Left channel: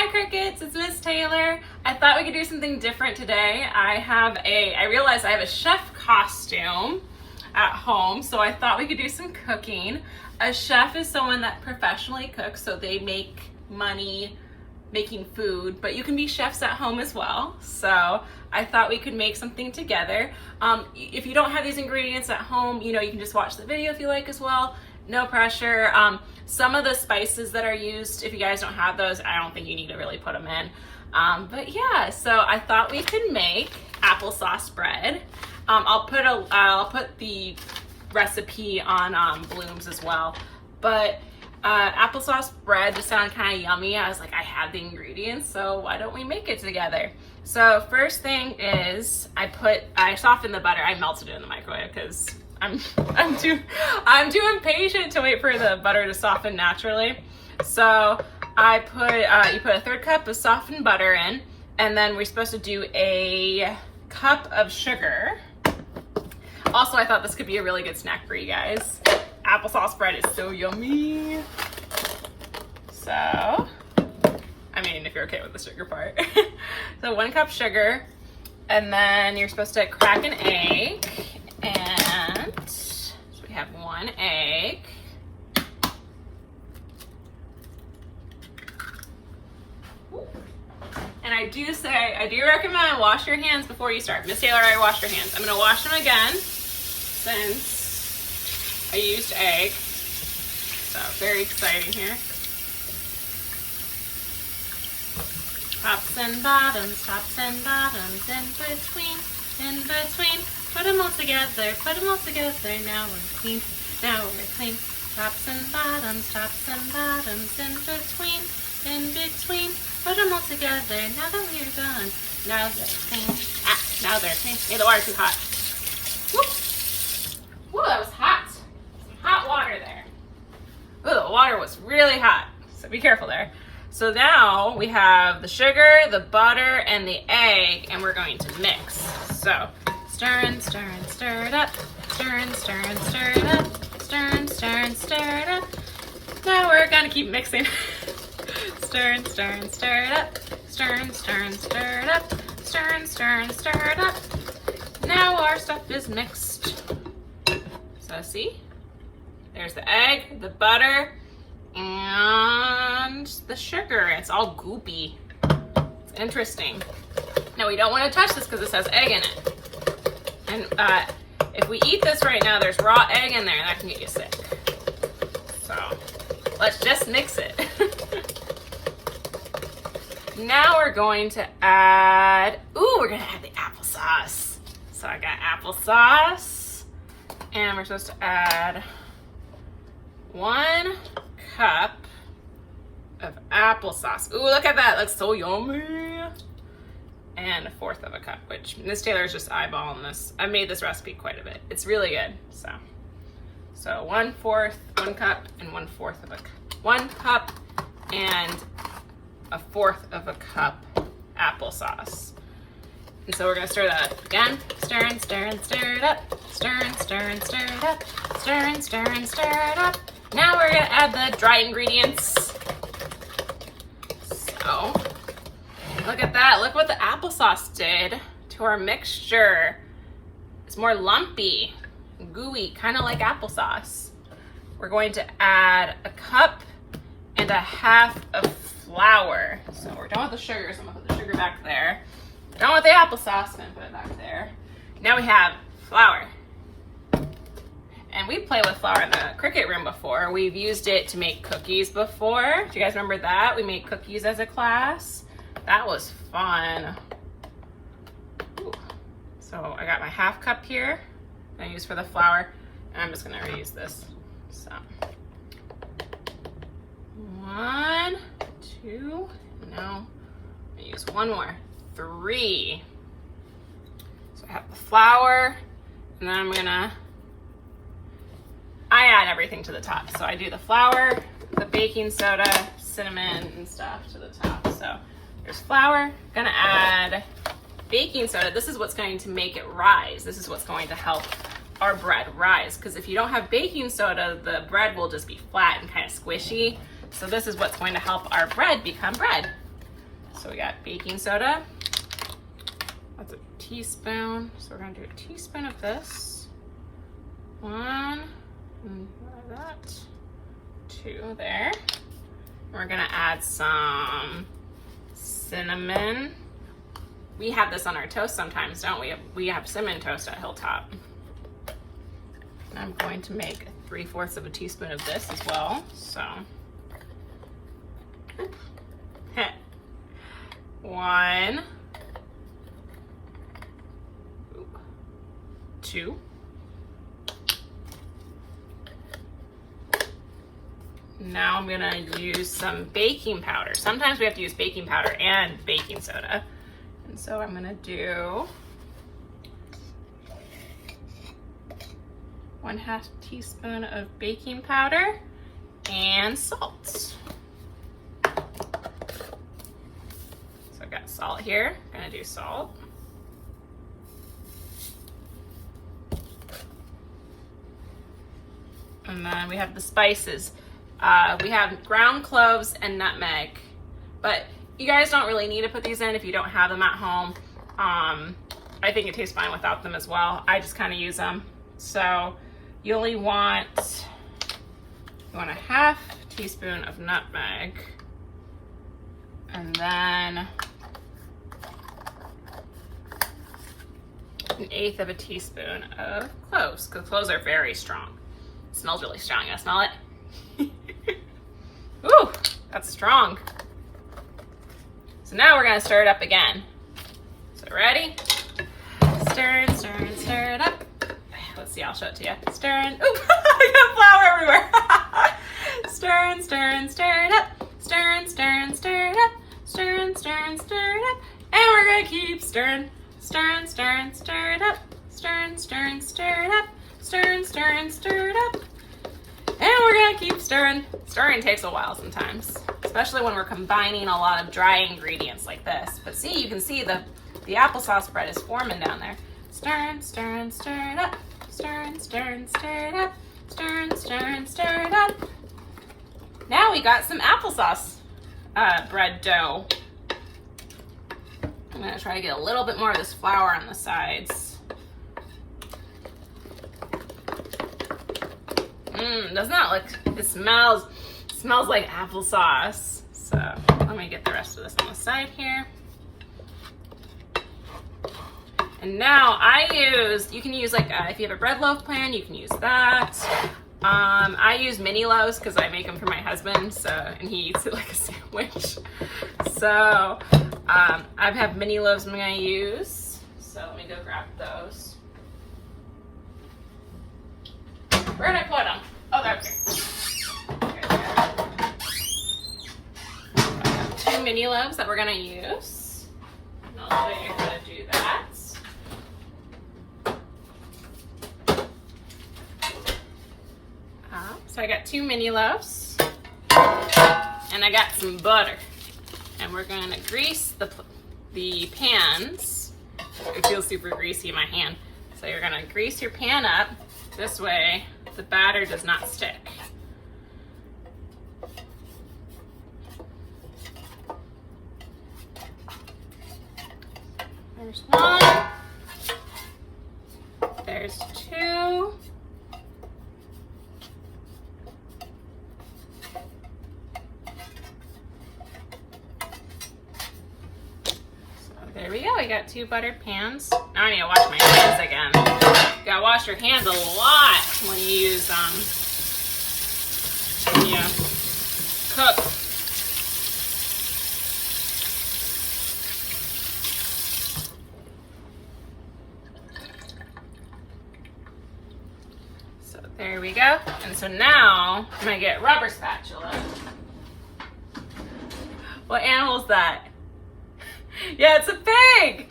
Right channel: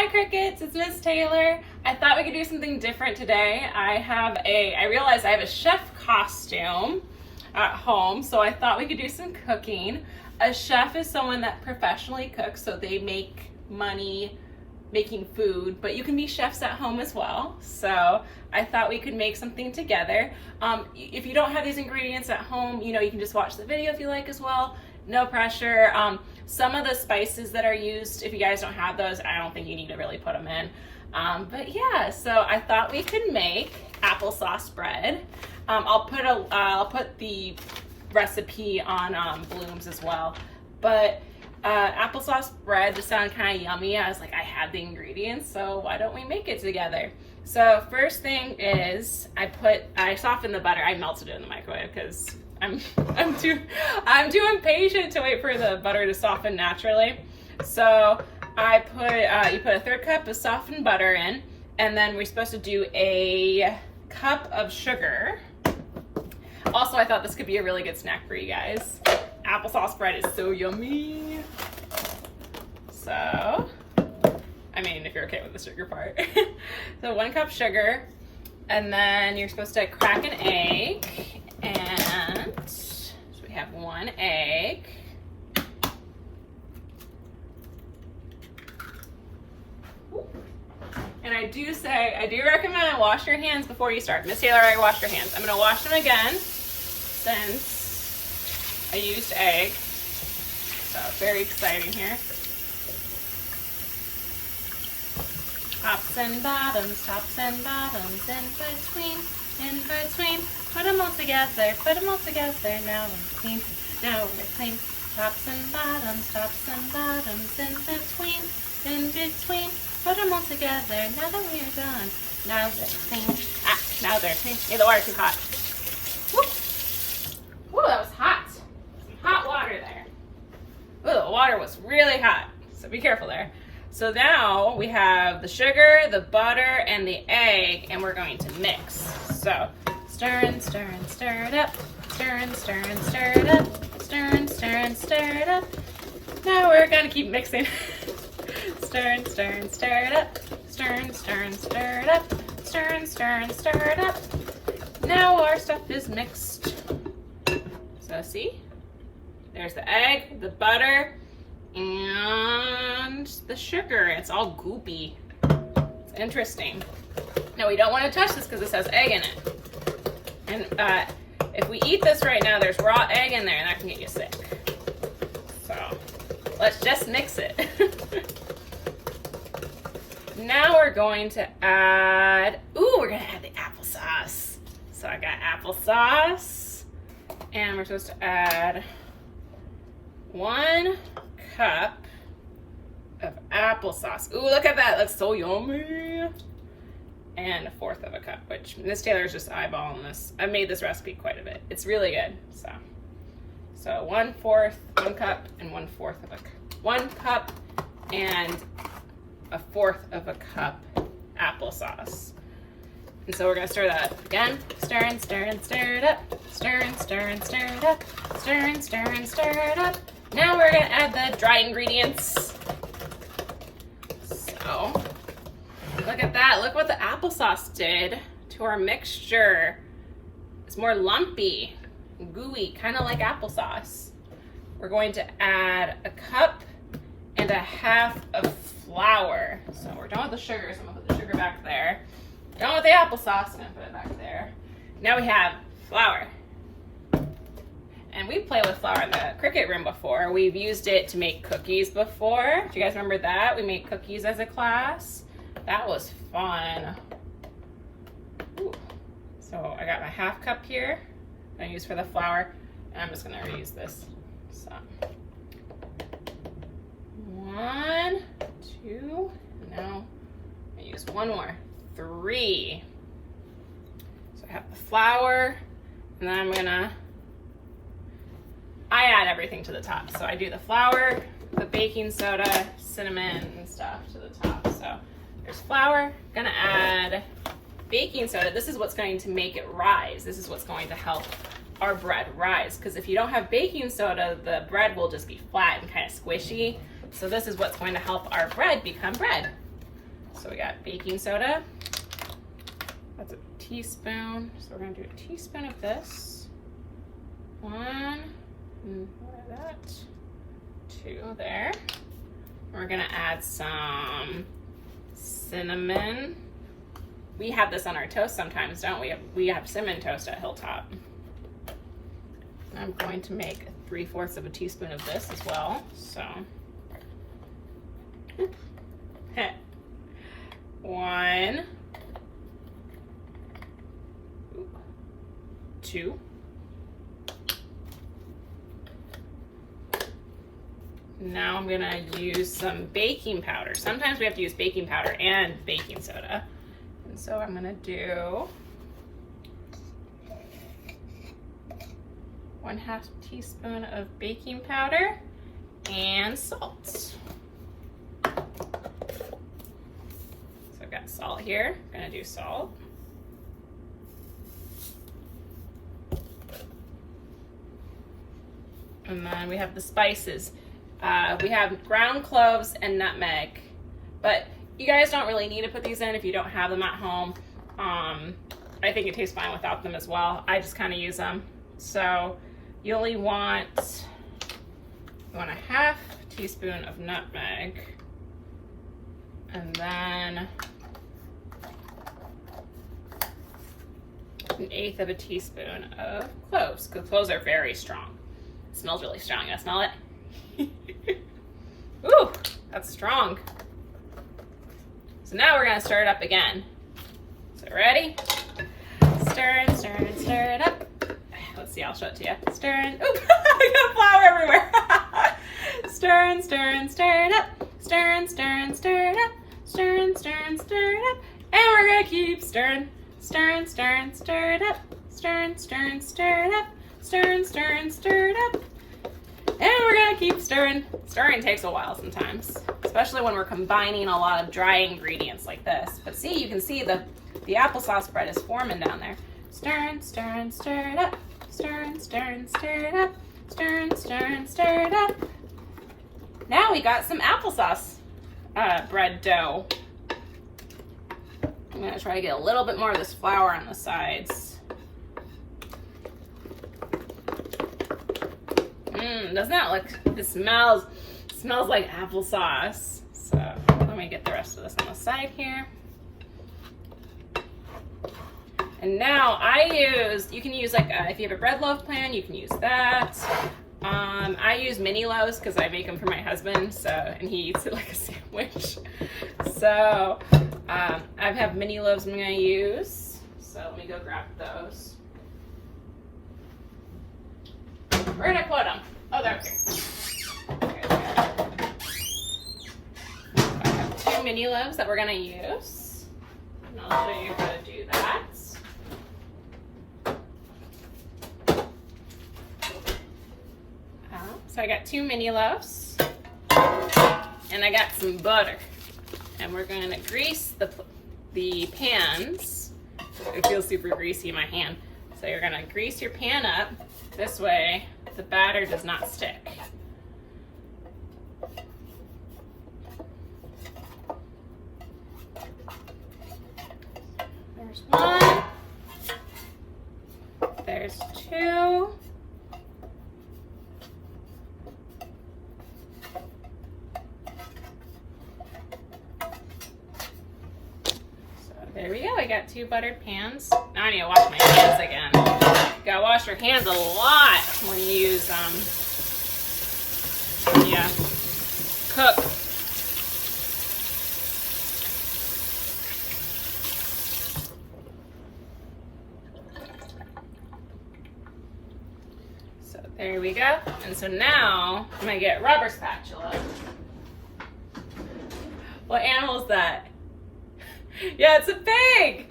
Hi Crickets, it's Miss Taylor. I thought we could do something different today. I realized I have a chef costume at home, so I thought we could do some cooking. A chef is someone that professionally cooks, so they make money making food, but you can be chefs at home as well. So I thought we could make something together. If you don't have these ingredients at home, you can just watch the video if you like as well. No pressure. Some of the spices that are used, if you guys don't have those, I don't think you need to really put them in. But yeah, so I thought we could make applesauce bread. I'll put the recipe on Blooms as well. But applesauce bread just sounded kind of yummy. I was like, I have the ingredients, so why don't we make it together? So first thing is I softened the butter. I melted it in the microwave because I'm too impatient to wait for the butter to soften naturally. So you put a 1/3 cup of softened butter in, and then we're supposed to do a cup of sugar. Also, I thought this could be a really good snack for you guys. Applesauce bread is so yummy. So, I mean, if you're okay with the sugar part. So 1 cup sugar, and then you're supposed to crack an egg, and so we have 1 egg. And I do recommend wash your hands before you start. Miss Taylor already washed her hands. I'm gonna wash them again since I used egg. So very exciting here. Tops and bottoms, in between. Put them all together, now we're clean, Tops and bottoms, in between. Put them all together, now that we're done. Now they're clean. Now they're clean. Yeah, the water's too hot. Woo, that was hot. Some hot water there. Ooh, the water was really hot, so be careful there. So now we have the sugar, the butter, and the egg, and we're going to mix. So stir and stir and stir it up. Stir and stir and stir it up. Stir and stir and stir it up. Now we're gonna keep mixing. Stir and stir and stir it up. Stir and stir and stir it up. Stir and stir and stir it up. Now our stuff is mixed. So see? There's the egg, the butter, and the sugar. It's all goopy. It's interesting. Now we don't want to touch this because this has egg in it. And if we eat this right now, there's raw egg in there and that can get you sick. So let's just mix it. Now we're going to add, we're gonna add the applesauce. So I got applesauce, and we're supposed to add 1 cup of applesauce. Ooh, look at that, looks so yummy. And 1/4 of a cup, which Miss Taylor's just eyeballing this. I made this recipe quite a bit. It's really good, so 1/4, 1 cup, and 1/4 of a cup. 1 cup and 1/4 of a cup applesauce. And so we're gonna stir that up again. Stir and stir and stir it up. Stir and stir and stir it up. Stir and stir and stir it up. Now we're gonna add the dry ingredients. So, look at that. Look what the applesauce did to our mixture. It's more lumpy, gooey, kind of like applesauce. We're going to add 1 cup and 1/2 of flour. So we're done with the sugar, so I'm gonna put the sugar back there. Done with the applesauce, I'm gonna put it back there. Now we have flour. And we played with flour in the cricket room before. We've used it to make cookies before. Do you guys remember that? We made cookies as a class. That was fun. Ooh. So I got my 1/2 cup here. I use for the flour, and I'm just gonna reuse this. So 1, 2, now I use 1 more, 3. So I have the flour, and then I add everything to the top. So I do the flour, the baking soda, cinnamon, and stuff to the top. So there's flour, gonna add baking soda. This is what's going to make it rise. This is what's going to help our bread rise, because if you don't have baking soda, the bread will just be flat and kind of squishy. So this is what's going to help our bread become bread. So we got baking soda. That's a teaspoon. So we're gonna do a teaspoon of this. 1, and what is that? 2 there. We're gonna add some cinnamon. We have this on our toast sometimes, don't we? We have cinnamon toast at Hilltop. And I'm going to make 3/4 of a teaspoon of this as well. So, 1, 2. Now I'm gonna use some baking powder. Sometimes we have to use baking powder and baking soda. And so I'm gonna do 1/2 teaspoon of baking powder and salt. So I've got salt here. I'm gonna do salt. And then we have the spices. We have ground cloves and nutmeg, but you guys don't really need to put these in if you don't have them at home. I think it tastes fine without them as well. I just kind of use them. So you only want, 1/2 teaspoon of nutmeg, and then 1/8 of a teaspoon of cloves, because cloves are very strong. It smells really strong. You smell it? Ooh, that's strong. So now we're gonna stir it up again. So ready? Stir and stir and stir it up. Let's see, I'll show it to you. Stir and, ooh, I got flour everywhere. Stir and stir and stir it up. Stir and stir and stir it up. Stir and stir and stir it up. And we're gonna keep stirring. Stir and stir and stir it up. Stir and stir and stir it up. Stir and stir and stir it up. And we're gonna keep stirring. Stirring takes a while sometimes, especially when we're combining a lot of dry ingredients like this. But see, you can see the applesauce bread is forming down there. Stir and stir and stir it up. Stir and stir and stir it up. Stir and stir and stir it up. Now we got some applesauce bread dough. I'm gonna try to get a little bit more of this flour on the sides. Doesn't that look, it smells like applesauce. So let me get the rest of this on the side here. And now you can use like, if you have a bread loaf pan, you can use that. I use mini loaves because I make them for my husband, and he eats it like a sandwich. So I have mini loaves I'm gonna use. So let me go grab those. Where did I put them? Oh, they're okay. I have 2 mini loaves that we're gonna use. And I'll show you how to do that. So I got 2 mini loaves, and I got some butter, and we're gonna grease the pans. It feels super greasy in my hand. So you're gonna grease your pan up. This way the batter does not stick. There's 1. There's 2. There we go, we got 2 buttered pans. Now I need to wash my hands again. You gotta wash your hands a lot when you use, cook. So there we go. And so now I'm gonna get rubber spatula. What animal is that? Yeah, it's a pig!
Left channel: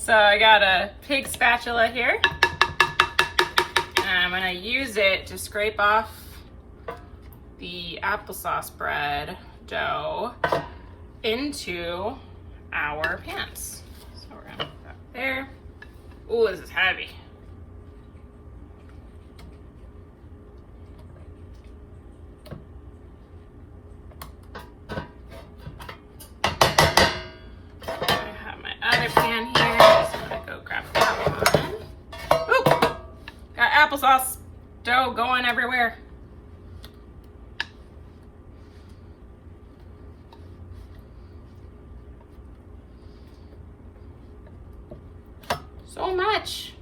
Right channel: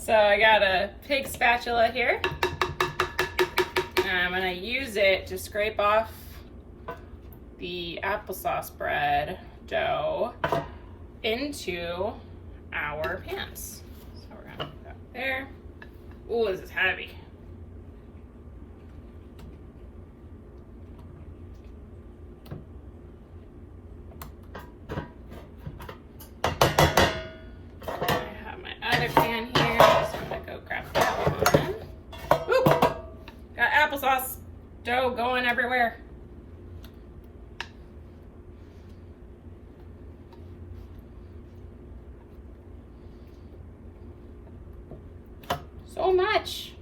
So I got a pig spatula here. And I'm gonna use it to scrape off the applesauce bread dough into our pans. So we're gonna put that there. Ooh, this is heavy. So much.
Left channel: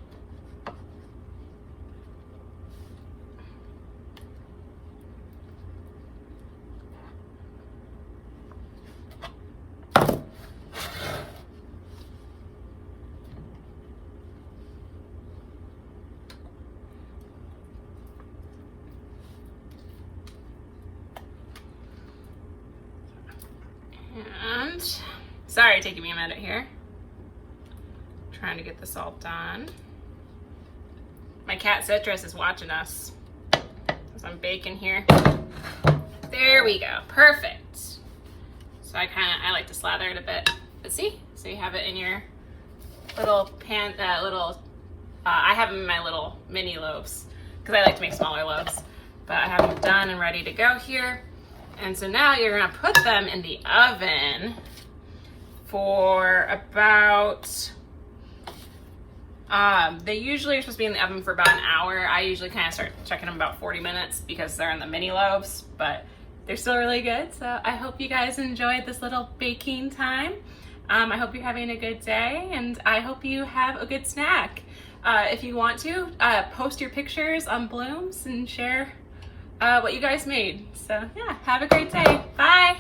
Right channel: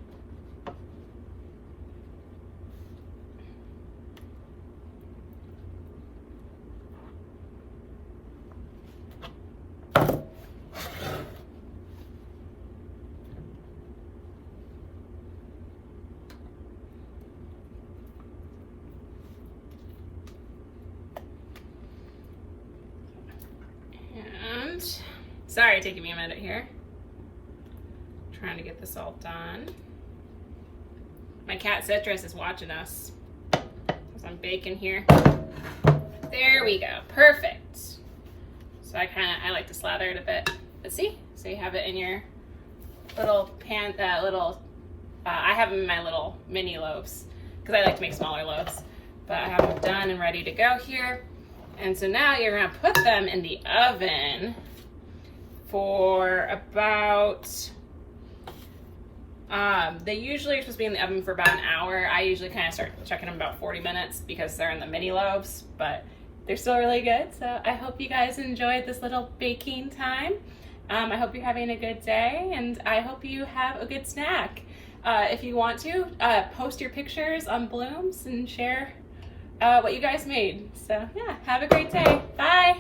And sorry, taking me a minute here. Trying to get this all done. My cat Citrus is watching us as I'm baking here. There we go, perfect. So I like to slather it a bit, but see? So you have it in your little pan, I have them in my little mini loaves because I like to make smaller loaves. But I have them done and ready to go here. And so now you're gonna put them in the oven for about, they usually are supposed to be in the oven for about an hour. I usually kind of start checking them about 40 minutes because they're in the mini loaves, but they're still really good. So I hope you guys enjoyed this little baking time. I hope you're having a good day, and I hope you have a good snack. If you want to, post your pictures on Blooms and share what you guys made. So yeah, have a great day. Bye.